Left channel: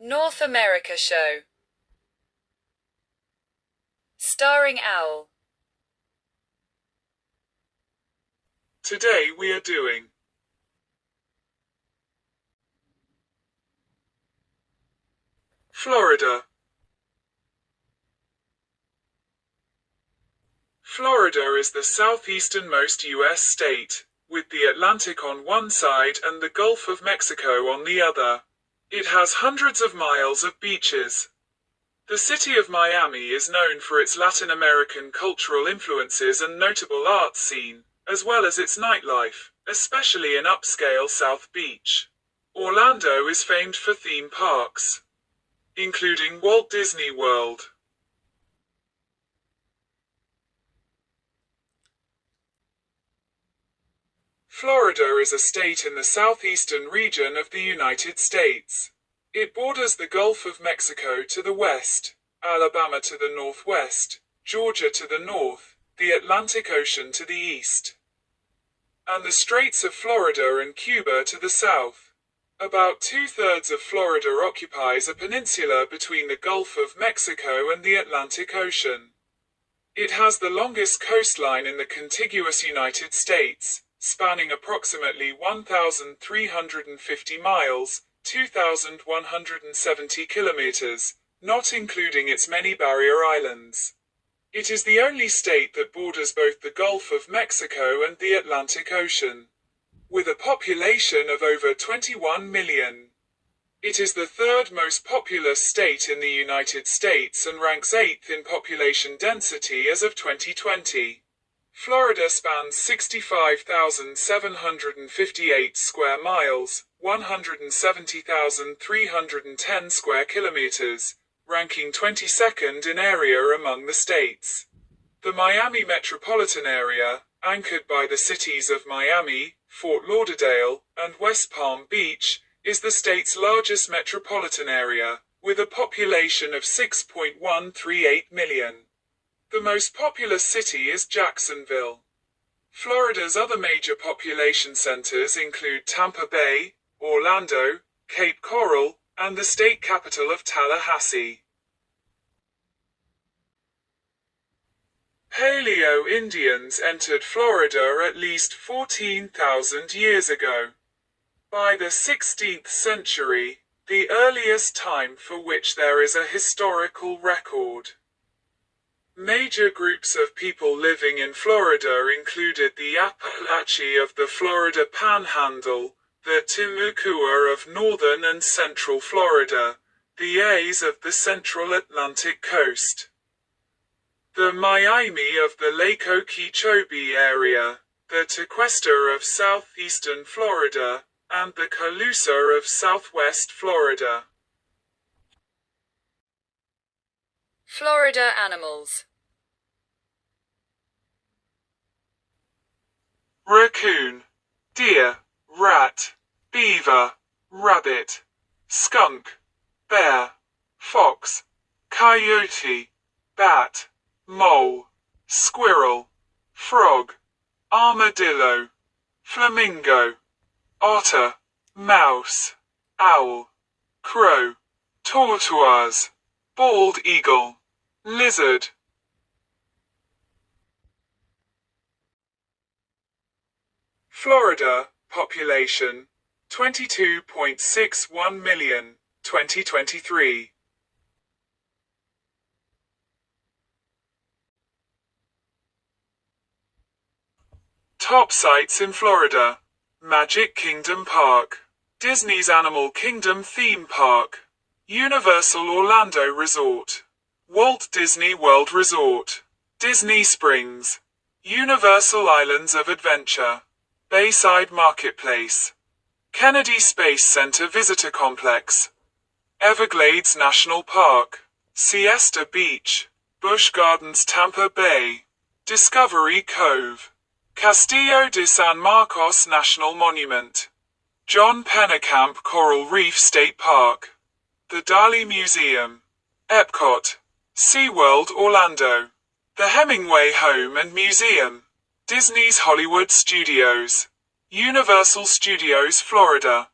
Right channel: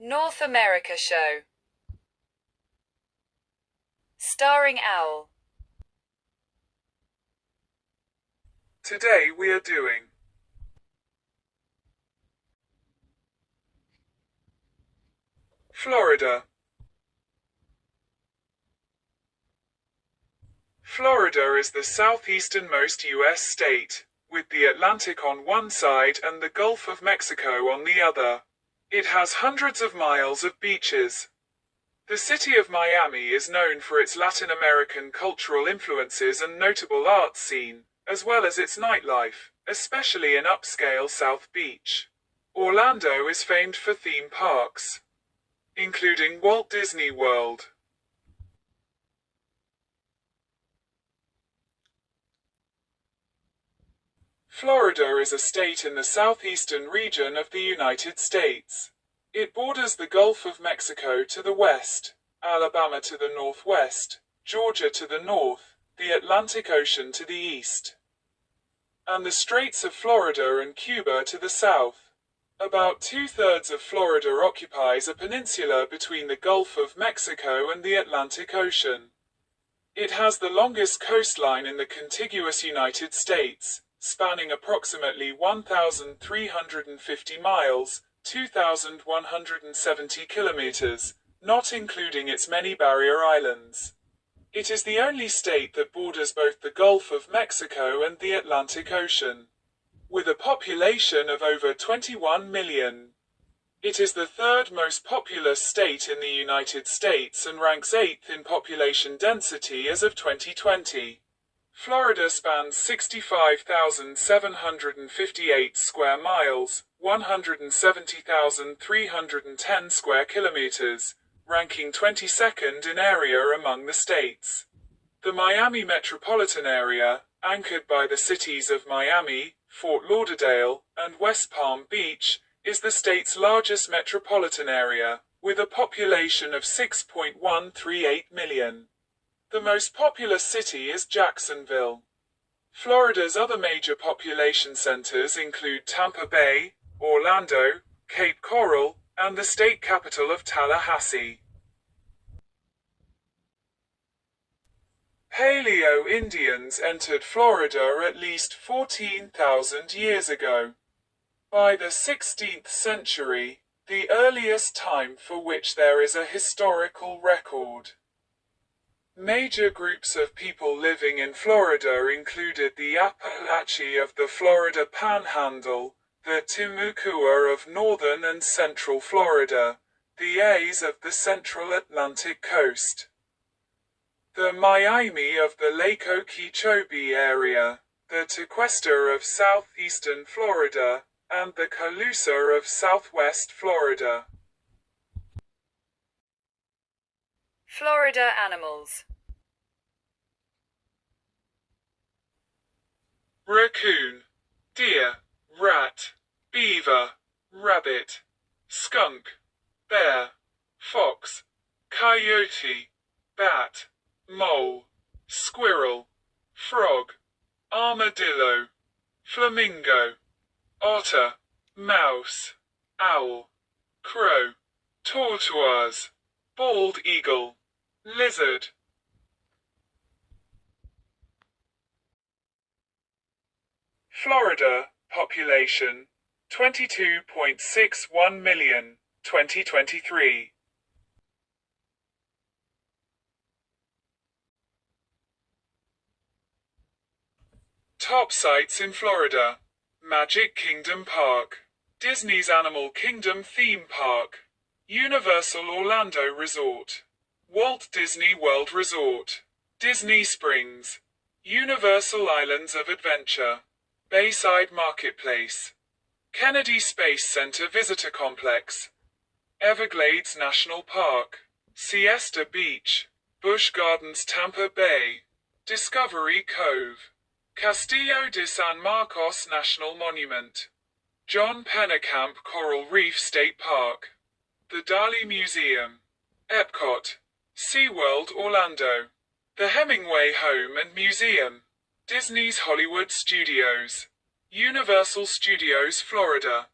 North America Show. Starring Owl. Today we are doing Florida. Florida is the southeasternmost U.S. state, with the Atlantic on one side and the Gulf of Mexico on the other. It has hundreds of miles of beaches. The city of Miami is known for its Latin American cultural influences and notable art scene, as well as its nightlife, especially in upscale South Beach. Orlando is famed for theme parks, including Walt Disney World. Florida is a state in the southeastern region of the United States. It borders the Gulf of Mexico to the west, Alabama to the northwest, Georgia to the north, the Atlantic Ocean to the east, and the Straits of Florida and Cuba to the south. About two-thirds of Florida occupies a peninsula between the Gulf of Mexico and the Atlantic Ocean. It has the longest coastline in the contiguous United States, spanning approximately 1,350 miles, 2,170 kilometers, not including its many barrier islands. It is the only state that borders both the Gulf of Mexico and the Atlantic Ocean, with a population of over 21 million. It is the third most populous state in the United States and ranks 8th in population density as of 2020. Florida spans 65,758 square miles, 170,310 square kilometers, ranking 22nd in area among the states. The Miami metropolitan area, anchored by the cities of Miami, Fort Lauderdale, and West Palm Beach, is the state's largest metropolitan area, with a population of 6.138 million. The most populous city is Jacksonville. Florida's other major population centers include Tampa Bay, Orlando, Cape Coral, and the state capital of Tallahassee. Paleo-Indians entered Florida at least 14,000 years ago. By the 16th century, the earliest time for which there is a historical record. Major groups of people living in Florida included the Apalachee of the Florida Panhandle, the Timucua of northern and central Florida, the A's of the central Atlantic coast, the Miami of the Lake Okeechobee area, the Tequesta of southeastern Florida, and the Calusa of southwest Florida. Florida animals. Raccoon, deer, rat, beaver, rabbit, skunk, bear, fox, coyote, bat, mole, squirrel, frog, armadillo, flamingo, otter, mouse, owl, crow, tortoise, bald eagle, lizard. Florida, population, 22.61 million, 2023. Top sites in Florida: Magic Kingdom Park, Disney's Animal Kingdom Theme Park, Universal Orlando Resort, Walt Disney World Resort, Disney Springs, Universal Islands of Adventure, Bayside Marketplace, Kennedy Space Center Visitor Complex, Everglades National Park, Siesta Beach, Busch Gardens Tampa Bay, Discovery Cove, Castillo de San Marcos National Monument, John Pennekamp Coral Reef State Park, the Dali Museum, Epcot, SeaWorld Orlando, the Hemingway Home and Museum, Disney's Hollywood Studios, Universal Studios Florida.